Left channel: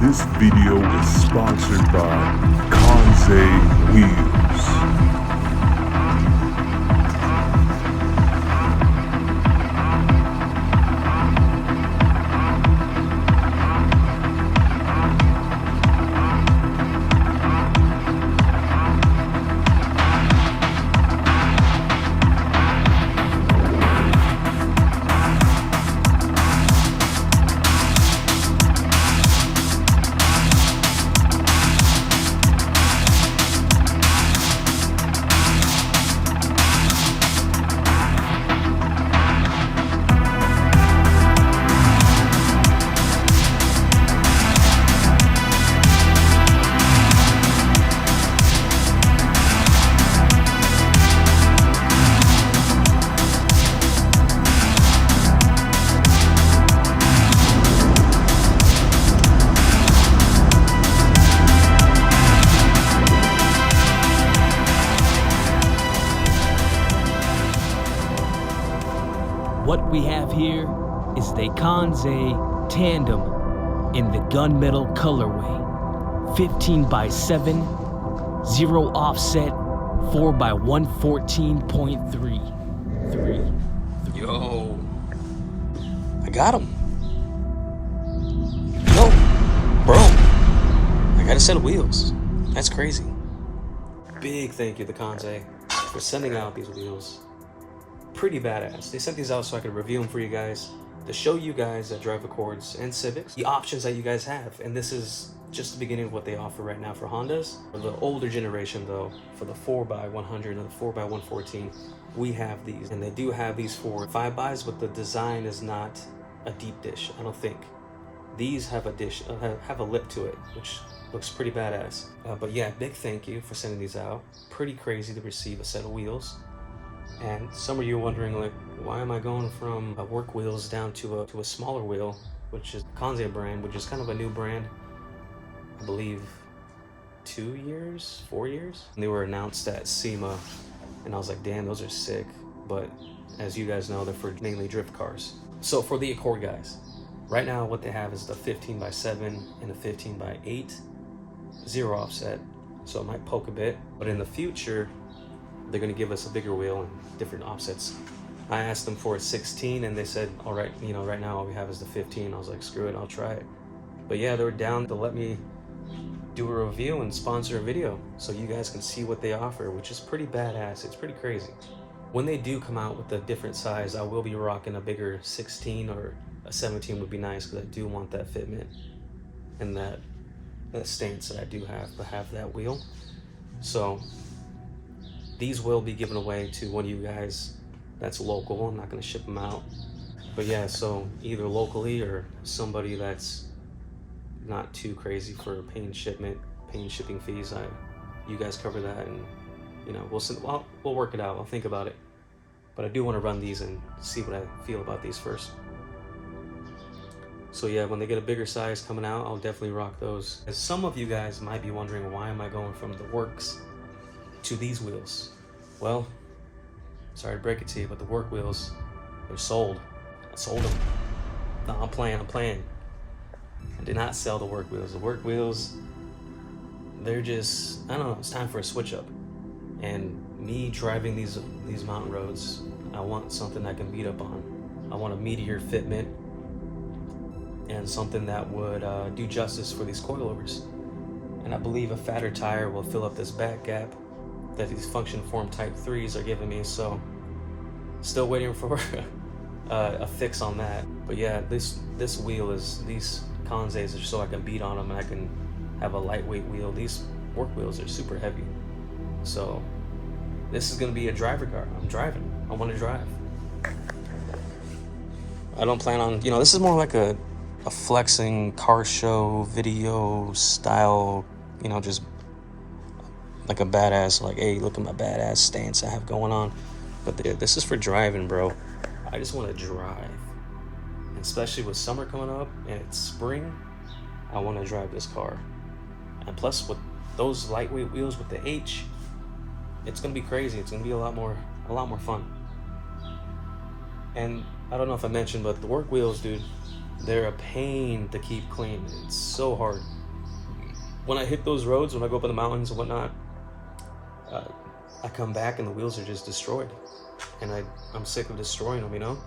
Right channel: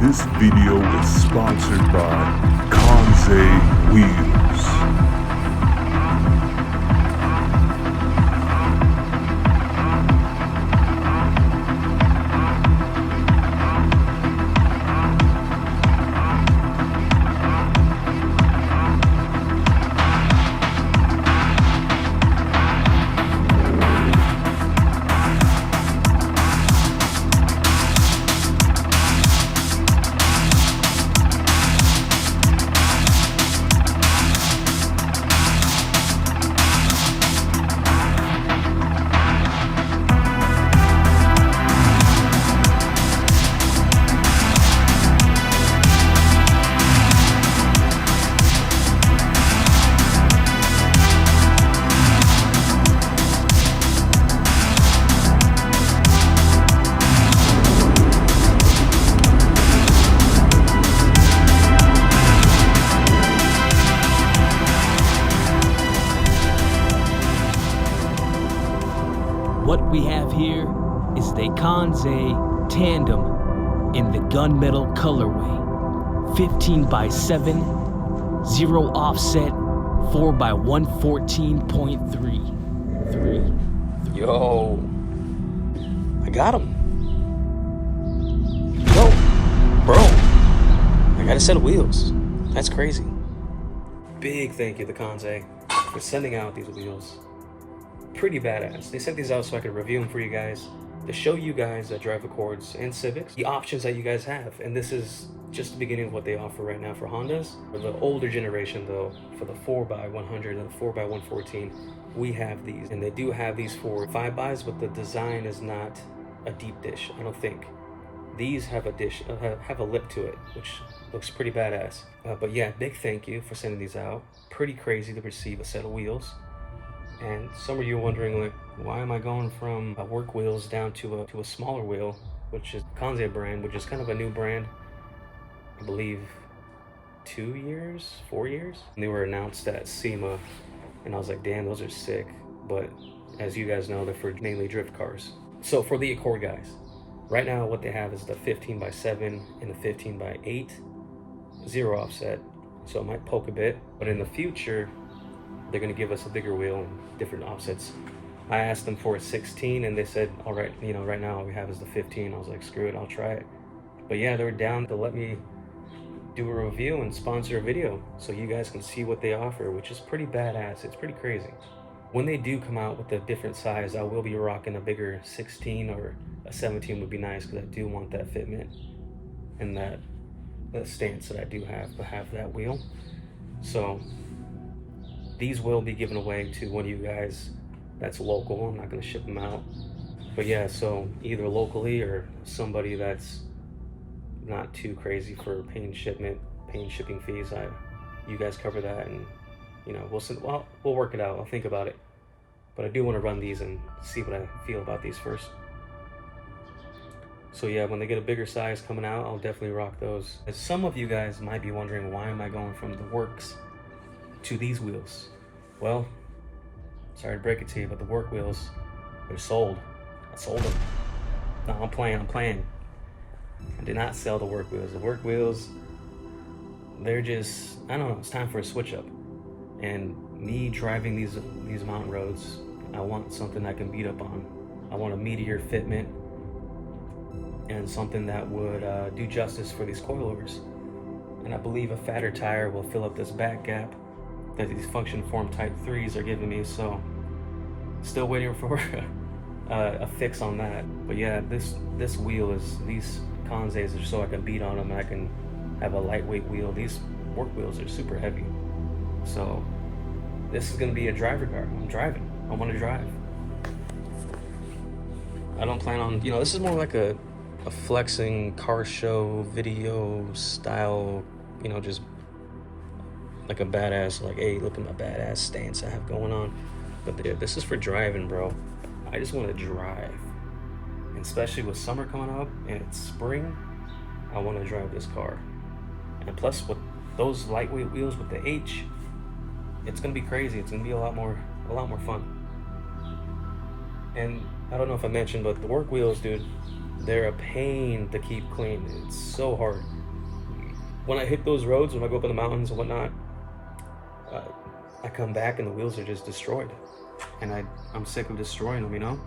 This video is sponsored by Kansei Wheels. What we have here is the Kansei Tandem in the gunmetal colorway. 15x7, 0 offset, 4x114.3. Yo, I got him. Yo, bro, I got a set of wheels. That's crazy. Big thank you to Kansei for sending out these wheels. Pretty badass. They sent these out so I could review them for you guys, to show you guys that drive Accords and Civics the options that you guys have. And this is just the beginning of what they offer right now for Hondas. For the older generation though, for the 4x100 and the 4x114, we have these. And they do have these for 5xs, but the design is not a deep dish, I don't think. These have a dish, have a lip to it, which looks pretty badass. But yeah, big thank you for sending these out. Pretty crazy to receive a set of wheels. And some of you are wondering, like, why am I going from work wheels down to a smaller wheel, which is Kansei brand, which is kind of a new brand, I believe 4 years? And they were announced at SEMA, and I was like, damn, those are sick. But as you guys know, they're for mainly drift cars. So for the Accord guys, right now what they have is the 15x7 and the 15x8, 0 offset, so it might poke a bit. But in the future, they're gonna give us a bigger wheel and different offsets. I asked them for a 16 and they said, all right, you know, right now all we have is the 15. I was like, screw it, I'll try it. But yeah, they were down to let me do a review and sponsor a video so you guys can see what they offer, which is pretty badass. It's pretty crazy. When they do come out with a different size, I will be rocking a bigger 16 or a 17 would be nice, because I do want that fitment and that stance that I do have to have that wheel. So these will be given away to one of you guys that's local. I'm not going to ship them out. But yeah, so either locally or somebody that's not too crazy for paying shipping fees. You guys cover that, and you know, we'll work it out. I'll think about it. But I do want to run these and see what I feel about these first. So yeah, when they get a bigger size coming out, I'll definitely rock those. As some of you guys might be wondering, why am I going from the works to these wheels? Well, sorry to break it to you, but the work wheels, they're sold. I sold them. No, I'm playing. I did not sell the work wheels. The work wheels, they're just, I don't know, it's time for a switch up. And me driving these mountain roads, I want something I can beat up on. I want a meatier fitment and something that would do justice for these coilovers. And I believe a fatter tire will fill up this back gap that these function form type 3s are giving me. So still waiting for a fix on that. But yeah, this wheel is, these Kanseis are so I can beat on them and I can have a lightweight wheel. These work wheels are super heavy. So this is gonna be a driver car. I'm driving. I want to drive. I don't plan on, you know, this is more like a flexing car show video style, you know, just like a badass, like, hey, look at my badass stance I have going on. But this is for driving, bro. I just want to drive. And especially with summer coming up and it's spring, I want to drive this car. And plus with those lightweight wheels with the H, it's gonna be crazy. It's gonna be a lot more fun. And I don't know if I mentioned, but the work wheels, dude, They're a pain to keep clean. It's so hard. When I hit those roads, when I go up in the mountains and whatnot, I come back and the wheels are just destroyed. And I'm sick of destroying them, you know?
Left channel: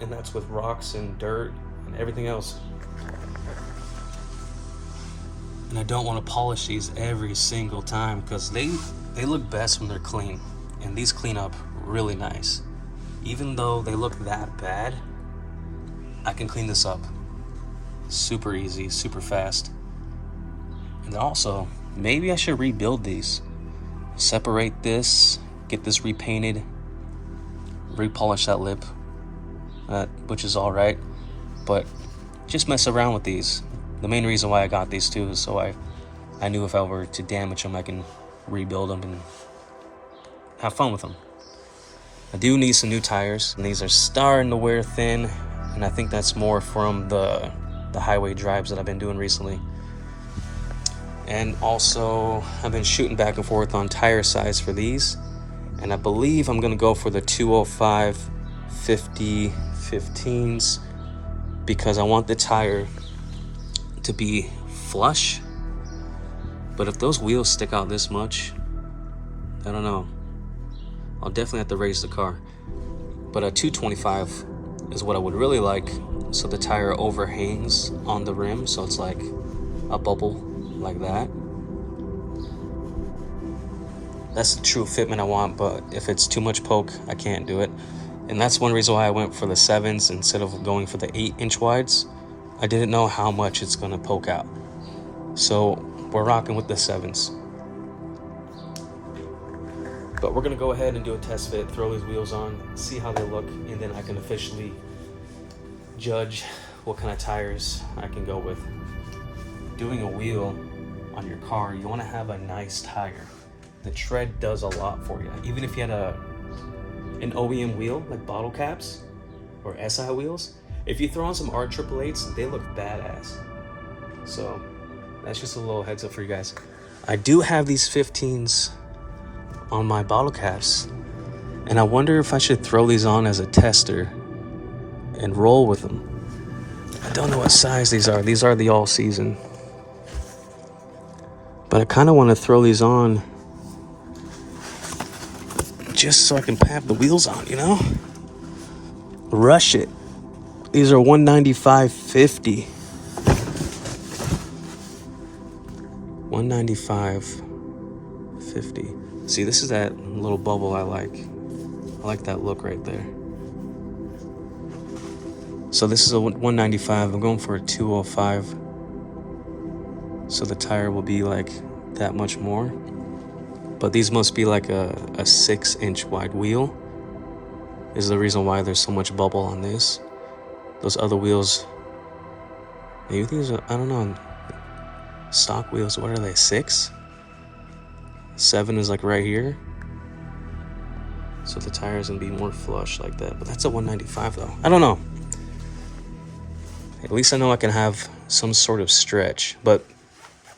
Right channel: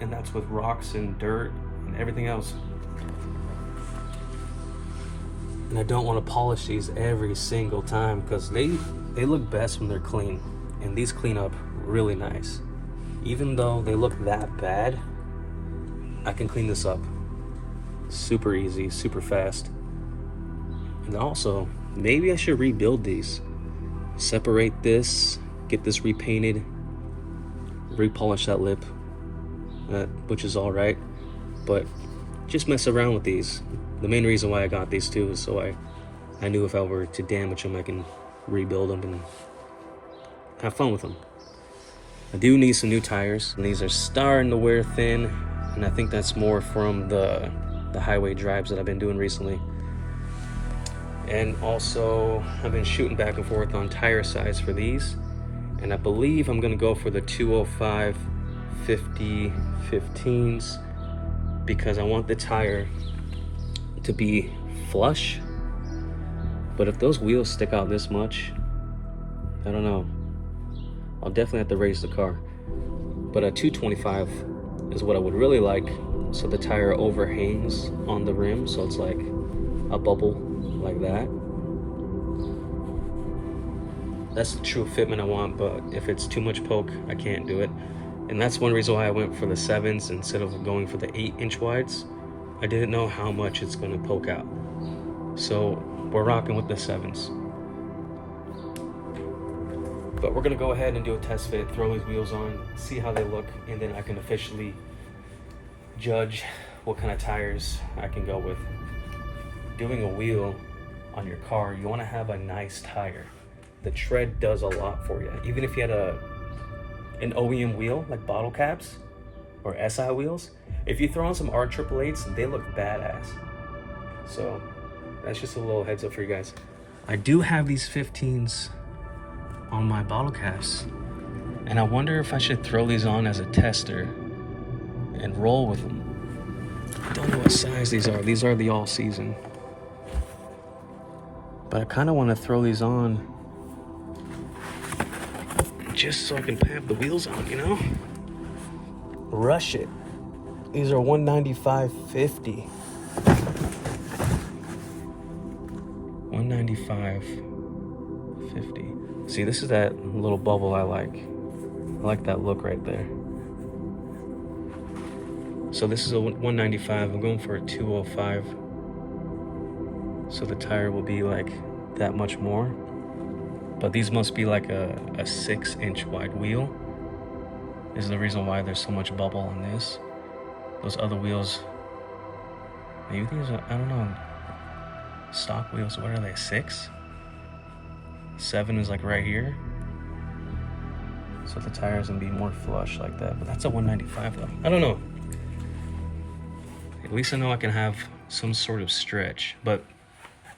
And that's with rocks and dirt and everything else. And I don't want to polish these every single time because they look best when they're clean. And these clean up really nice. Even though they look that bad, I can clean this up super easy, super fast. And also, maybe I should rebuild these. Separate this, get this repainted, repolish that lip, which is all right. But just mess around with these. The main reason why I got these too is so I knew if I were to damage them, I can rebuild them and have fun with them. I do need some new tires, and these are starting to wear thin, and I think that's more from the highway drives that I've been doing recently. And also, I've been shooting back and forth on tire size for these, and I believe I'm gonna go for the 205 50 15s because I want the tire to be flush. But if those wheels stick out this much, I don't know. I'll definitely have to raise the car. But a 225 is what I would really like, so the tire overhangs on the rim, so it's like a bubble like that. That's the true fitment I want, but if it's too much poke, I can't do it. And that's one reason why I went for the 7s instead of going for the 8-inch wides. I didn't know how much it's gonna poke out. So we're rocking with the 7s. But we're gonna go ahead and do a test fit, throw these wheels on, see how they look, and then I can officially judge what kind of tires I can go with. Doing a wheel on your car, you wanna have a nice tire. The tread does a lot for you. Even if you had an OEM wheel, like bottle caps or SI wheels, if you throw on some R888s, they look badass. So that's just a little heads up for you guys. I do have these 15s on my bottle caps, and I wonder if I should throw these on as a tester and roll with them. I don't know what size these are. These are the all season. But I kind of want to throw these on just so I can have the wheels on, you know? Rush it. These are 195.50. 195.50. See, this is that little bubble I like. I like that look right there. So this is a 195. I'm going for a 205. So the tire will be like that much more. But these must be like a 6-inch wide wheel. Is the reason why there's so much bubble on this. Those other wheels, maybe these are, I don't know, stock wheels, what are they, 6? 7 is like right here. So the tire's gonna be more flush like that. But that's a 195 though. I don't know. At least I know I can have some sort of stretch. But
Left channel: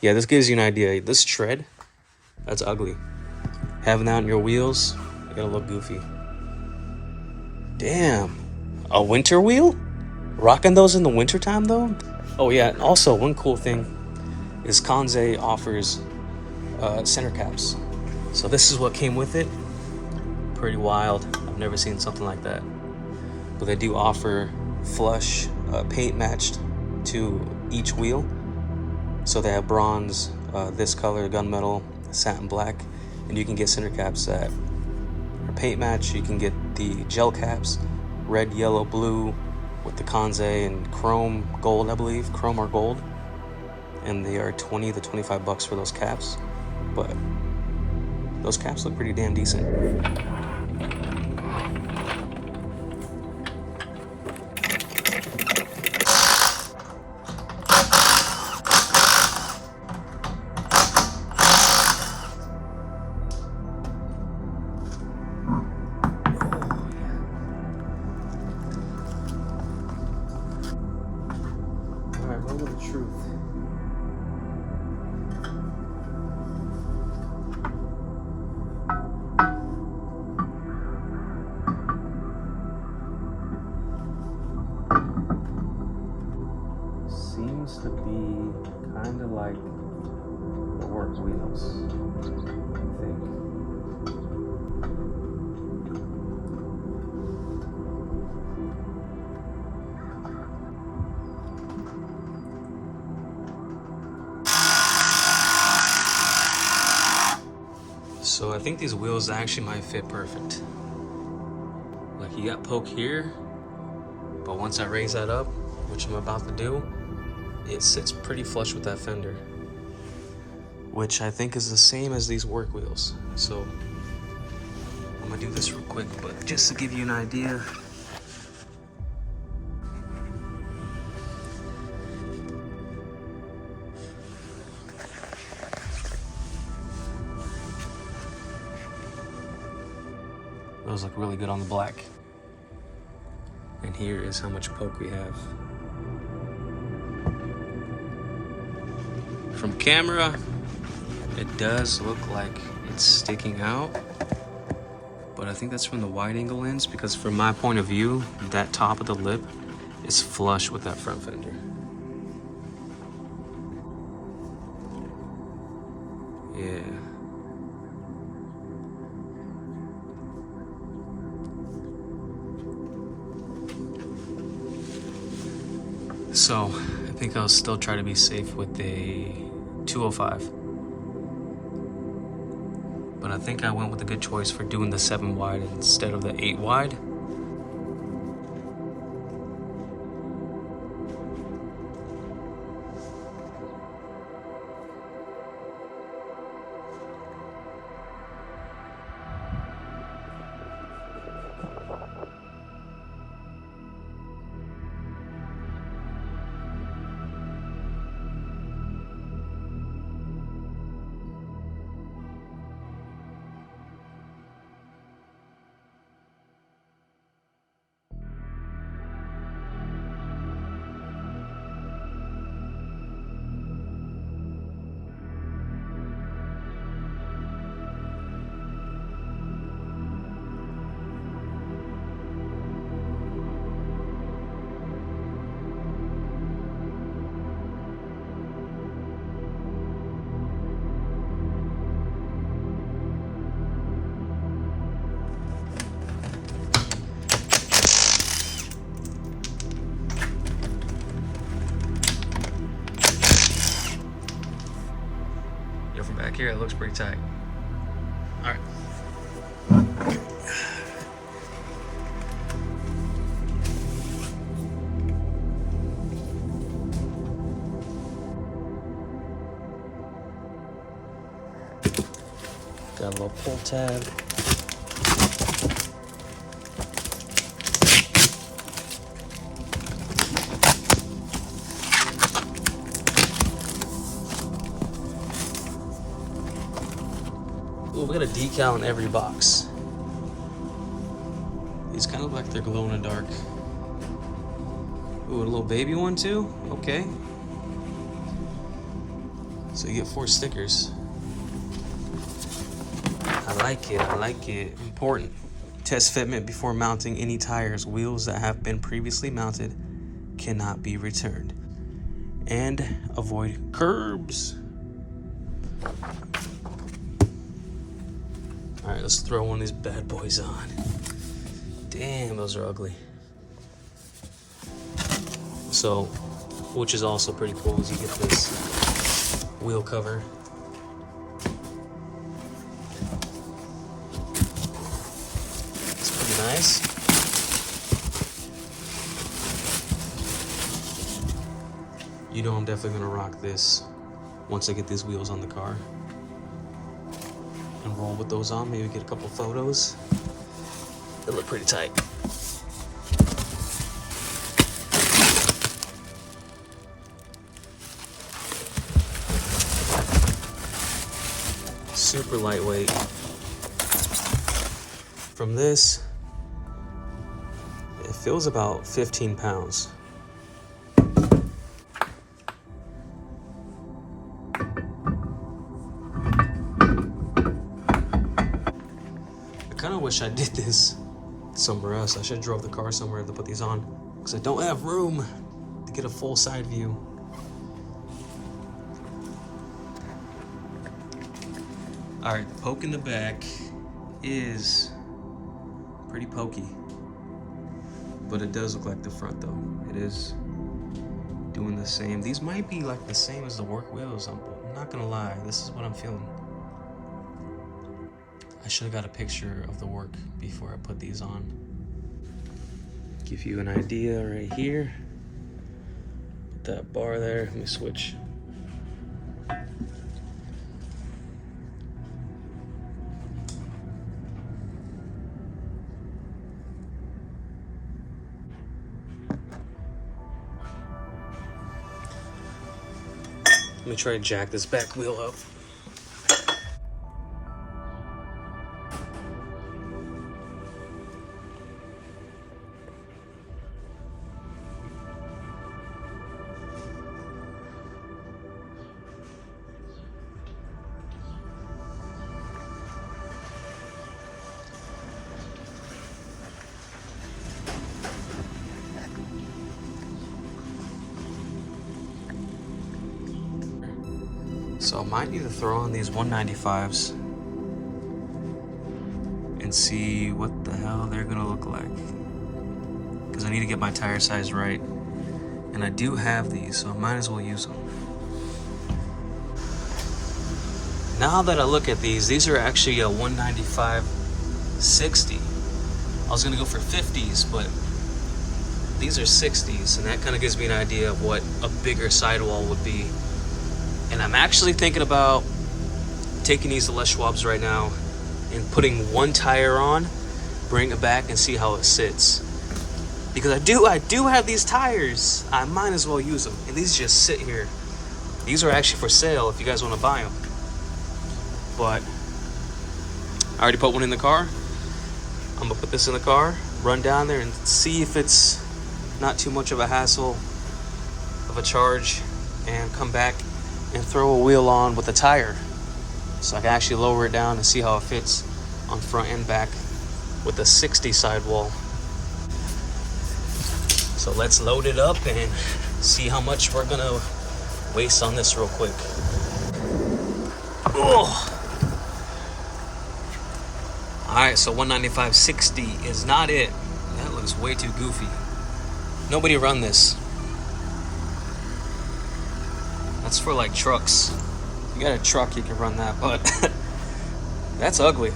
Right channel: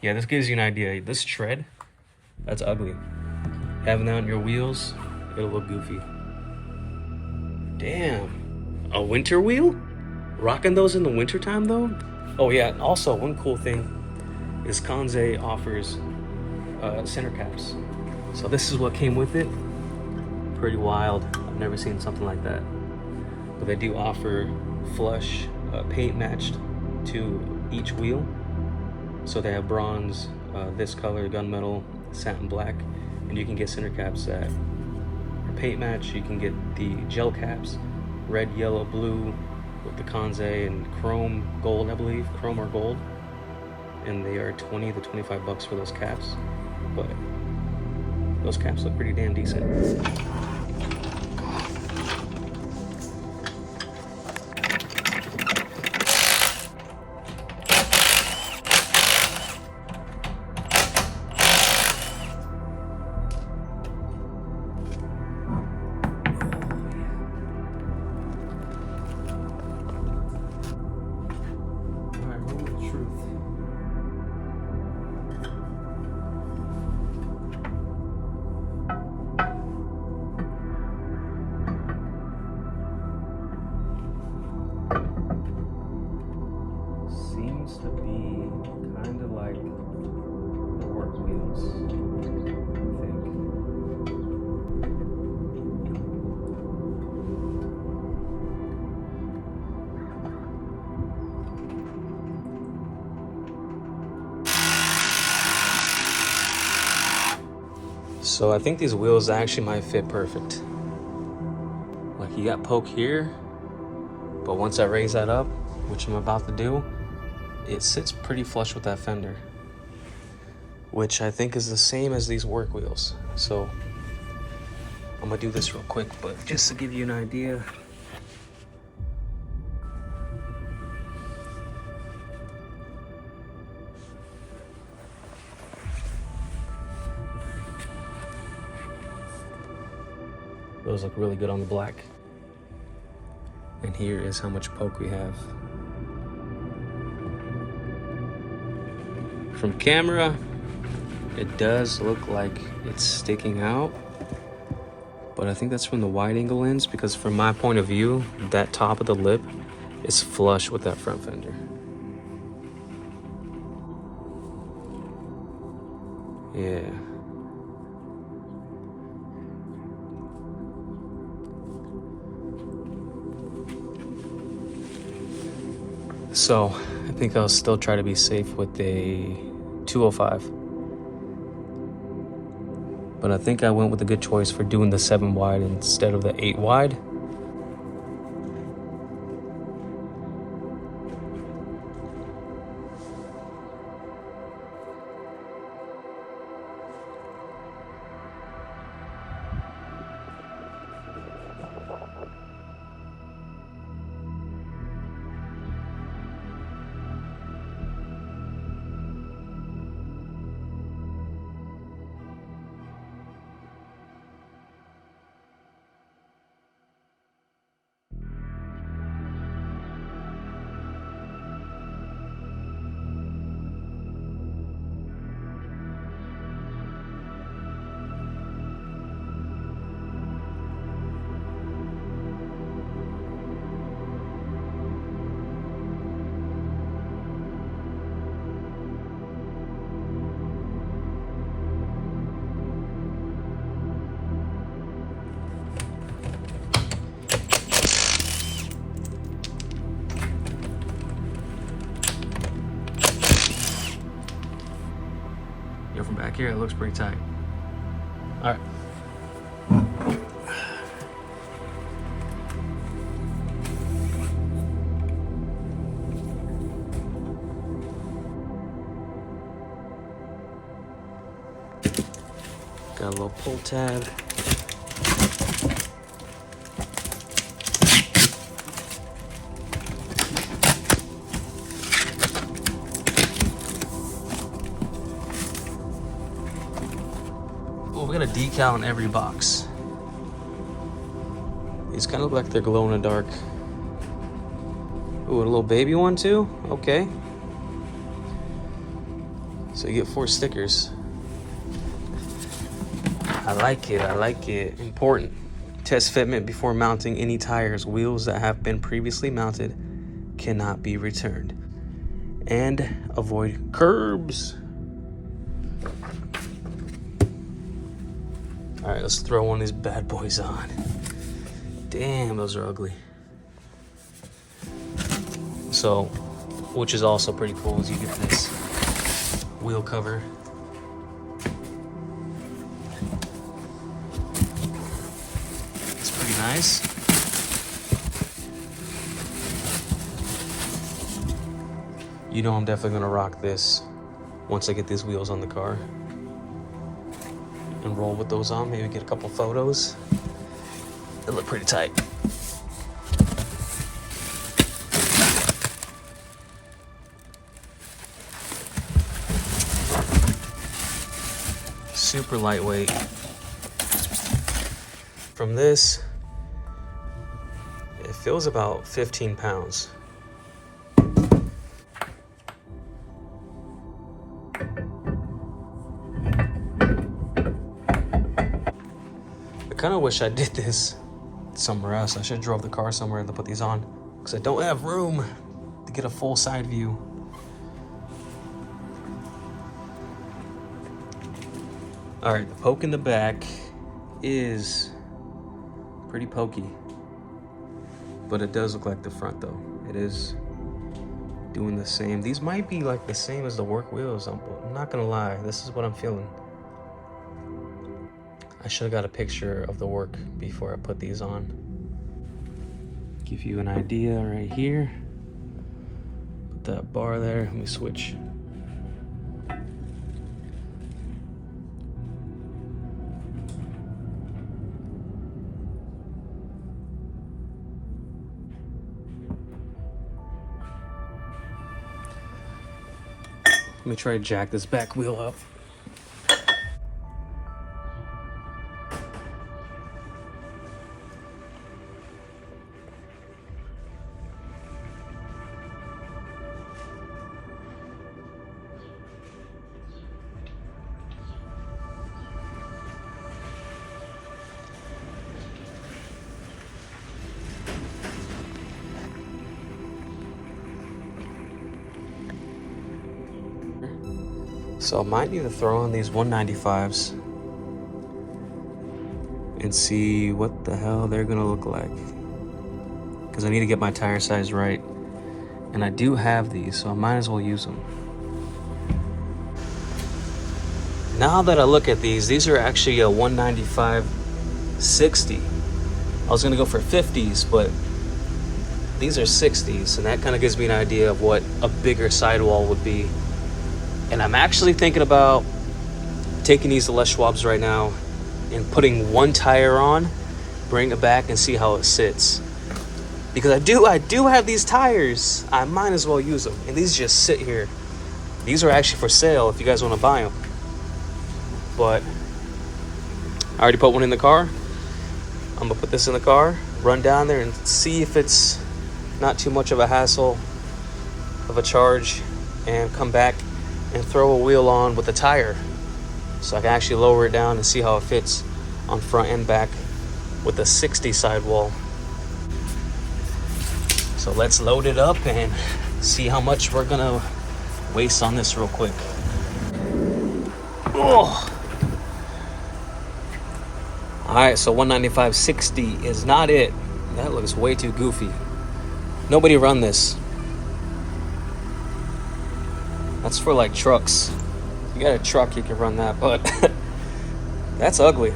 yeah, this gives you an idea. This tread, that's ugly. Having that on your wheels, it'll look goofy. Damn, a winter wheel? Rocking those in the wintertime though? Oh yeah, also one cool thing is Kansei offers center caps. So this is what came with it. Pretty wild. I've never seen something like that. But they do offer flush paint matched to each wheel. So they have bronze, this color, gunmetal, satin black, and you can get center caps that are paint match. You can get the gel caps, red, yellow, blue, with the Kansei and chrome gold, I believe, chrome or gold. And they are 20 to 25 bucks for those caps. But those caps look pretty damn decent. kind of like the work wheels, I think. So I think these wheels actually might fit perfect. Like, you got poke here, but once I raise that up, which I'm about to do, it sits pretty flush with that fender, which I think is the same as these work wheels. So I'm gonna do this real quick, but just to give you an idea. Those look really good on the black. And here is how much poke we have. From camera, it does look like it's sticking out, but I think that's from the wide angle lens, because from my point of view, that top of the lip is flush with that front fender. Yeah. So I think I'll still try to be safe with a 205. But I think I went with a good choice for doing the 7 wide instead of the 8 wide. Yeah, from back here, it looks pretty tight. All right. Got a little pull tab. We got a decal in every box. These kind of look like they're glow in the dark. Ooh, a little baby one too? Okay. So you get 4 stickers. I like it, I like it. Important. Test fitment before mounting any tires. Wheels that have been previously mounted cannot be returned. And avoid curbs. All right, let's throw one of these bad boys on. Damn, those are ugly. So, which is also pretty cool, is you get this wheel cover. It's pretty nice. You know I'm definitely gonna rock this once I get these wheels on the car. And roll with those on, maybe get a couple photos. They look pretty tight. Super lightweight. From this, it feels about 15 pounds. I kind of wish I did this somewhere else. I should have drove the car somewhere to put these on, because I don't have room to get a full side view. All right, the poke in the back is pretty pokey, but it does look like the front though. It is doing the same. These might be like the same as the work wheels. I'm not gonna lie, this is what I'm feeling. I should have got a picture of the work before I put these on. Give you an idea right here. Put that bar there, let me switch. Let me try to jack this back wheel up. So I might need to throw on these 195s and see what the hell they're gonna look like. Because I need to get my tire size right. And I do have these, so I might as well use them. Now that I look at these are actually a 195/60. I was gonna go for 50s, but these are 60s, and that kind of gives me an idea of what a bigger sidewall would be. And I'm actually thinking about taking these to Les Schwab's right now and putting one tire on, bring it back and see how it sits. Because I do have these tires. I might as well use them. And these just sit here. These are actually for sale if you guys want to buy them. But I already put one in the car. I'm gonna put this in the car, run down there and see if it's not too much of a hassle of a charge, and come back and throw a wheel on with a tire so I can actually lower it down and see how it fits on front and back with a 60 sidewall. So let's load it up and see how much we're gonna waste on this real quick. Oh. All right, so 195/60 is not it. That looks way too goofy. Nobody run this. That's for like trucks. You got a truck, you can run that, but that's ugly.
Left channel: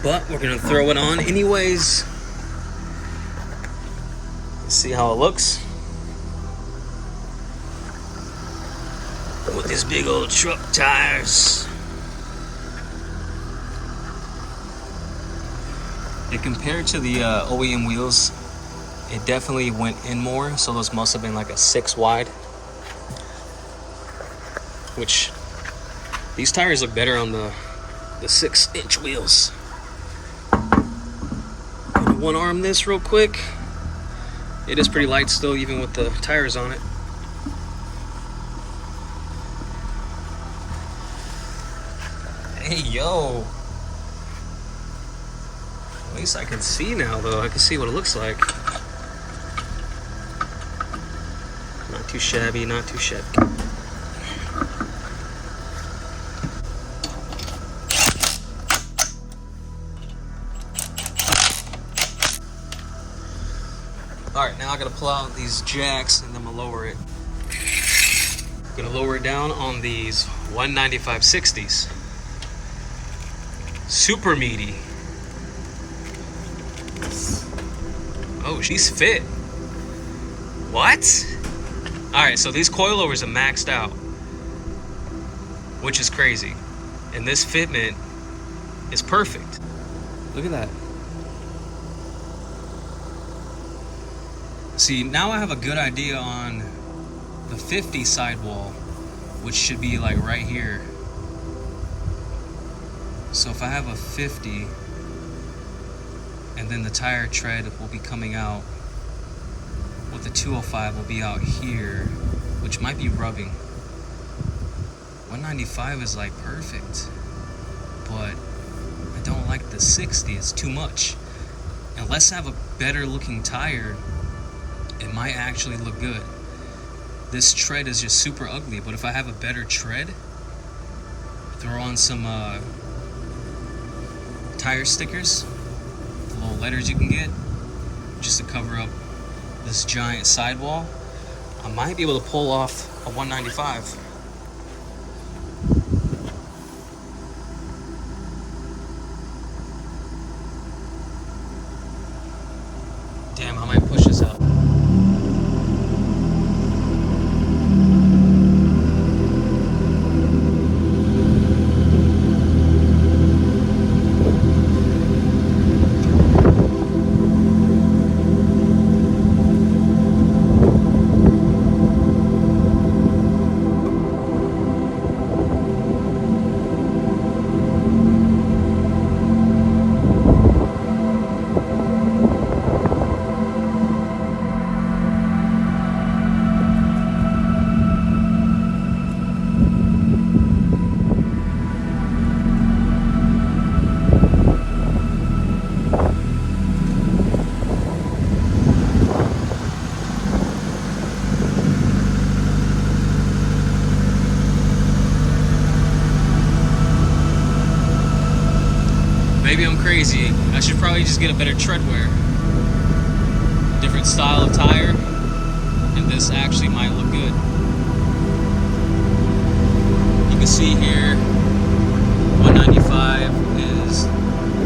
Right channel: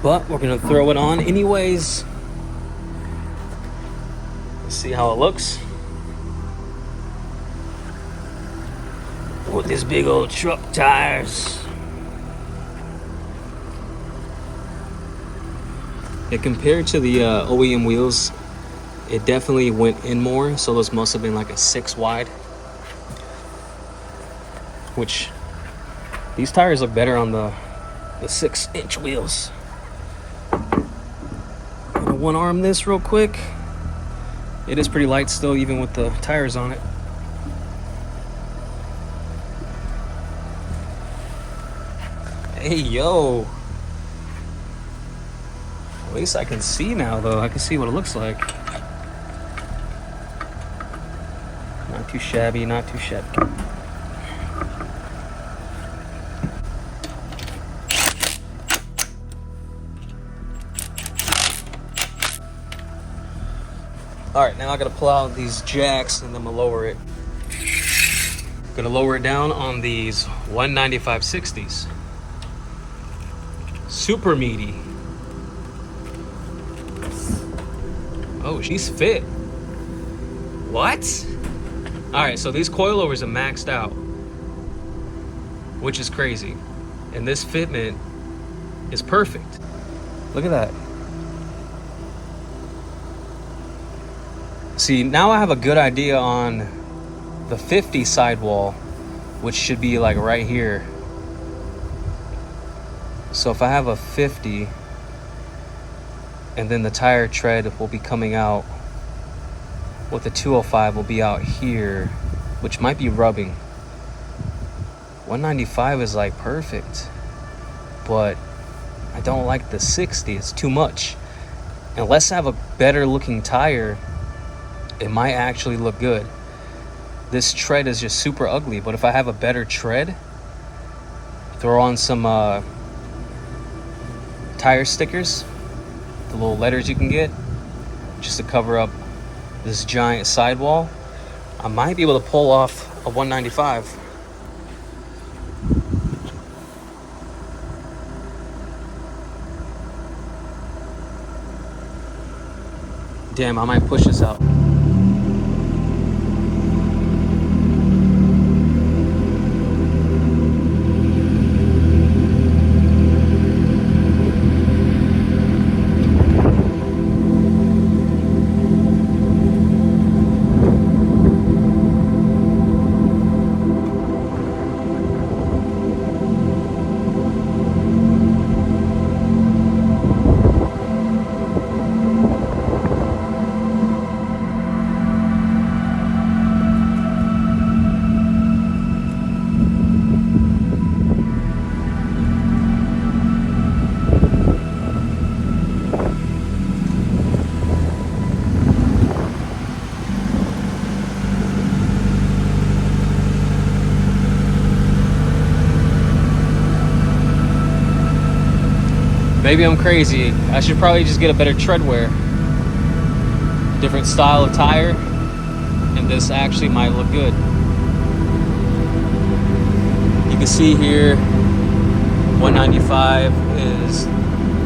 But we're gonna throw it on anyways. Let's see how it looks. With these big old truck tires. And compared to the OEM wheels, it definitely went in more, so those must have been like a 6 wide. Which, these tires look better on the 6-inch wheels. I'm gonna one arm this real quick. It is pretty light still, even with the tires on it. Hey, yo. At least I can see now, though. I can see what it looks like. Not too shabby, not too shabby. All right, now I gotta pull out these jacks and then I'm gonna lower it. Gonna lower it down on these 195/60s. Super meaty. Oh, she's fit. What? All right, so these coilovers are maxed out, which is crazy. And this fitment is perfect. Look at that. See, now I have a good idea on the 50 sidewall, which should be like right here. So if I have a 50, and then the tire tread will be coming out, with the 205 will be out here, which might be rubbing. 195 is like perfect, but I don't like the 60, it's too much. Unless I have a better looking tire, it might actually look good. This tread is just super ugly, but if I have a better tread, throw on some tire stickers, the little letters you can get, just to cover up this giant sidewall. I might be able to pull off a 195. Damn, I might push this out. Maybe I'm crazy. I should probably just get a better tread wear. Different style of tire, and this actually might look good. You can see here, 195 is,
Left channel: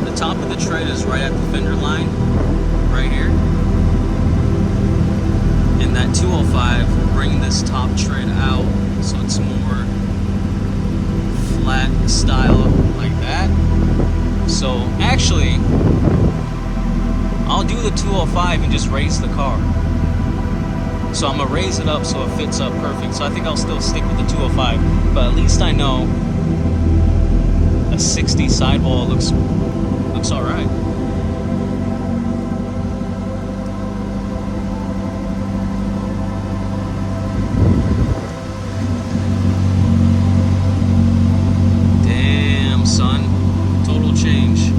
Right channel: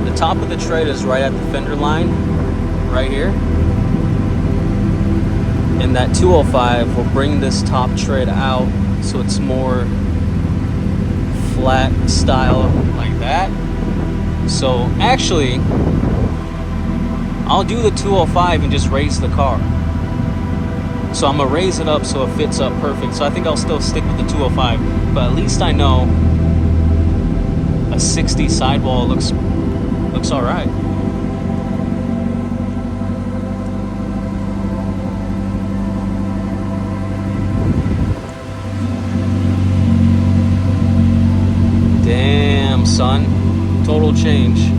the top of the tread is right at the fender line, right here. And that 205 will bring this top tread out so it's more flat style like that. So actually, I'll do the 205 and just raise the car. So I'm gonna raise it up so it fits up perfect. So I think I'll still stick with the 205, but at least I know a 60 sidewall looks all right. Damn, son. Total change.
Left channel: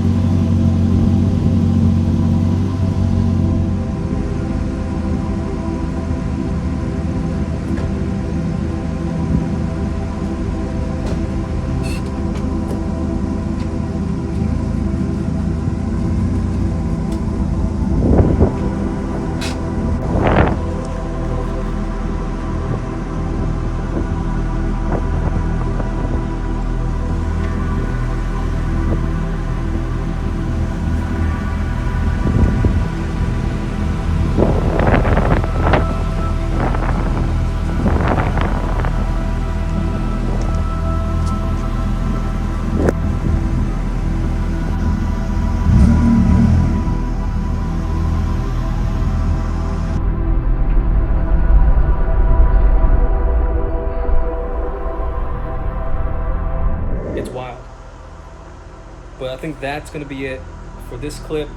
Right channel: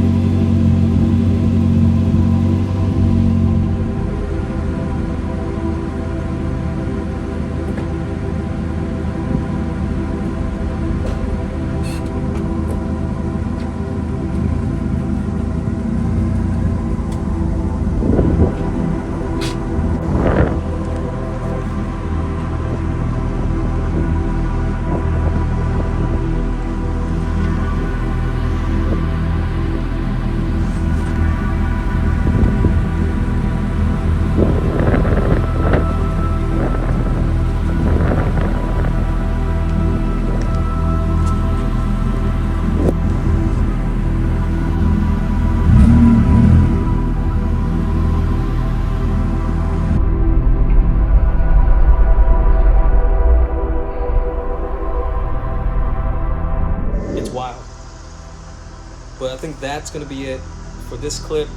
It's wild. But I think that's going to be it for this clip,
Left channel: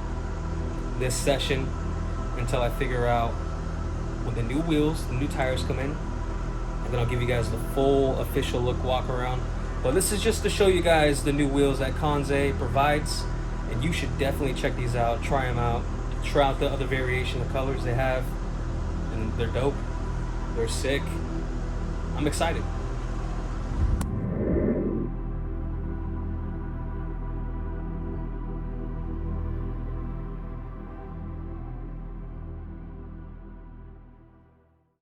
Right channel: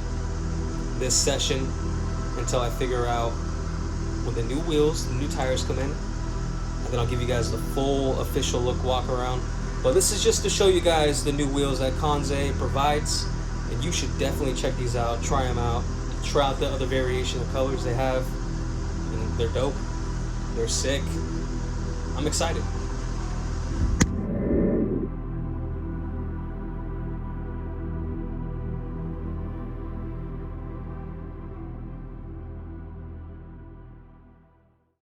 this session, until I figure out when the new wheels, the new tires come in, and then I'll give you guys the full official look walk around. But this is just to show you guys the new wheels that Kansei provides, and you should definitely check these out, try them out, try out the other variation of colors they have, and they're dope, they're sick. I'm excited.